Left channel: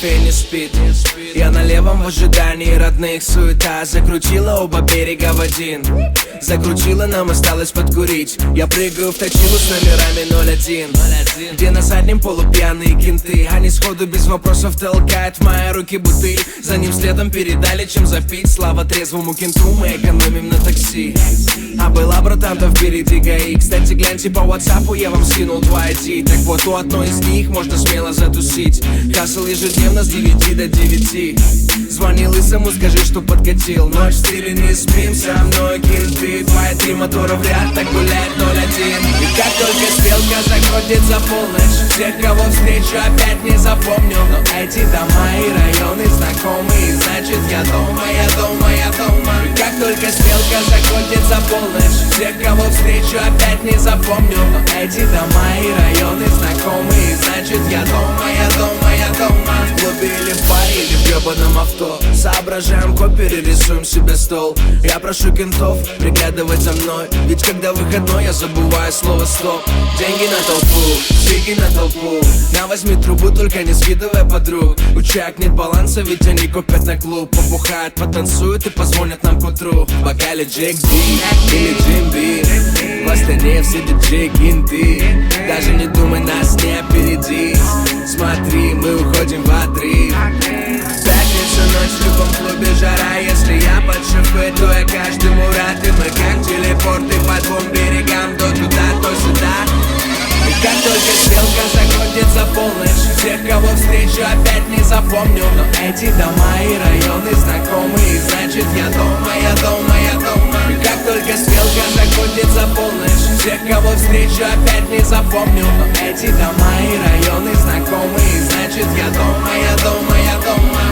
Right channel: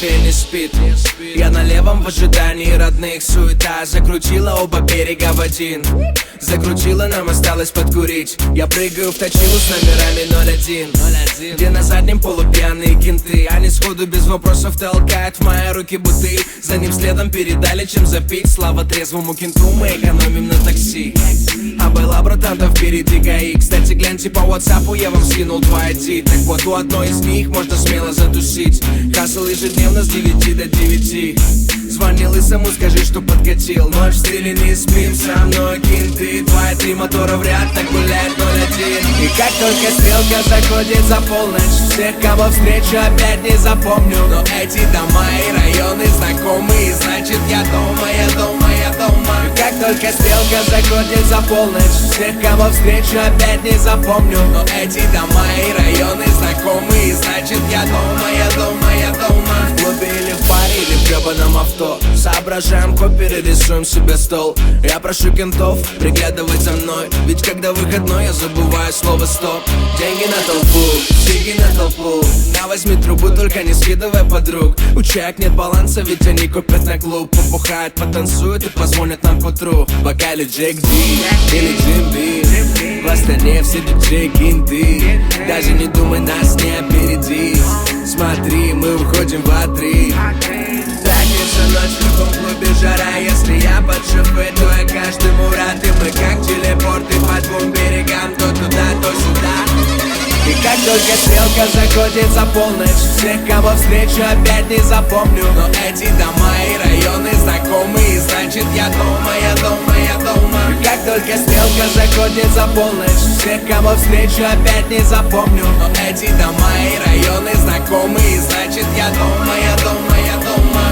мафия не спит. Я на левом в ожидании родных, суета закрутила оба берега в один. Закрутила, нам осталось подкурить. Я прыгаю в точилу с номерами 01, где на заднем полупьяные кенты. Они сходу без вопросов толкают в мои руки буты. За ним следом передали, чем запить. Слава трезвому кенту, мы экономим на такси. А была, братан, там впереди ГАИ. Кстати, гляньте по WhatsApp, я вам скинул 2 ID. Так вот, у одной из них можно смело затусить. Хасл ежедневно с 9 до 9. Звони лысому, скажи, что подкатил. Ночь в стиле не спим, со мной кенты. 2 и 3 мотора в ряд, так гуляет 01. И как только стрелка заходит за полночь, всех, кого встречу, опять не запомню. Но эти дома и районы знакомые, значит я дома, я дома, я дома. И как только стрелка заходит за полночь, всех, кого встречу, опять не запомню. Но эти дома и районы знакомые, значит я дома, я дома, я дома. В клубе или в баре, или в гребаном авто, соображаем коперы, рисуем себе стол. Я прошу кентов приглядывать за мной, ведь когда выходной, я забываю слово стоп. Деньги на толпу, сиги на толпу. На, возьми трубу, только не скидывай подруг. У чаек нет баланса, ведь они купят на клуб. Побухают, потанцуют и позвонят нам к утру. В бокале Джек Ди или Джим Бин, в Астане все диджеи кенты. Даже не думай нас не опередить. Смотри, мы уходим в отрыв. Пятница, ночь в любом клубе жара. Если я под шофе, то я каждому рад. И мы как телепорты по 2 берегам, то туда, то сюда. И как только стрелка заходит за полночь, всех, кого встречу, опять не запомню. Но эти дома и районы знакомые, значит я дома, я дома, я дома. И как только стрелка заходит за полночь, всех, кого встречу, опять не запомню. Но эти дома и районы знакомые, значит я дома, я дома, я дома.